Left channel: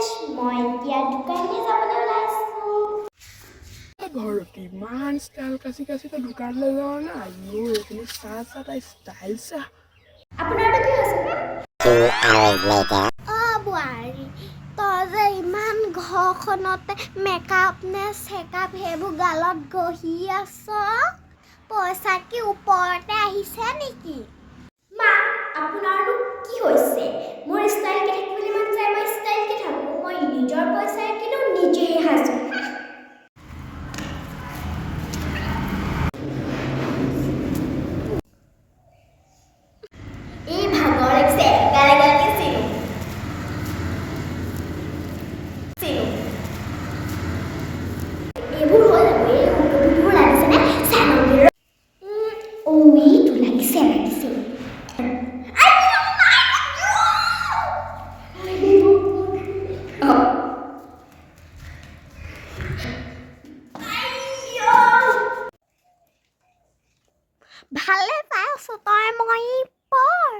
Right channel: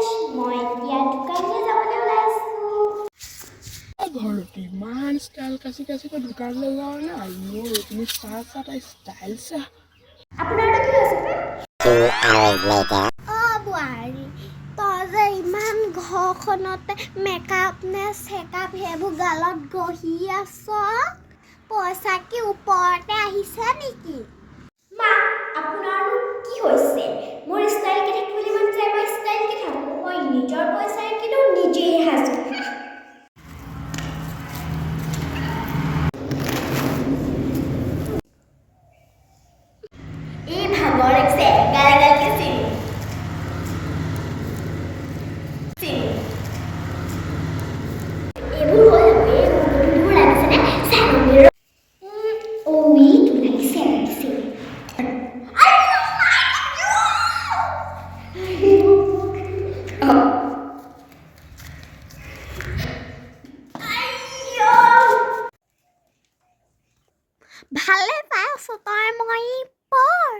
fresh মই এতিয়া দোকানলৈ যাবলৈ ওলাইছোঁ ঘৰতে ইমান ষ্টাইল কাচি কাচি দোকানলৈ যাওঁ না আইঅ তুমি চাহ তাই ষ্টাইল চাহ আপোনাৰটো কি হৈছে বোৱাৰী তই যে ইমান ঘৰখনতে মেকআপ নে চেকআপ সেইবোৰ গালত গহি আছ পইচা কি ওপৰতে আহিছে নেকি মা আপোনাৰনো কি হৈছে মোৰ ষ্টাইলকে থাকিবলৈ মন যায় মই ষ্টাইলকে থাকোঁ মই নিজৰ পইচাৰে কিনো নিজেই সাজোঁ এই ভাগৰ লাগিছে গালে গালে চিনি এইবোৰ হৈ যাব এই ৰংবোৰ লাগিছেনে চাই ওই তোৰ লাগিছে ভালে পাই আছো তই মই পৰ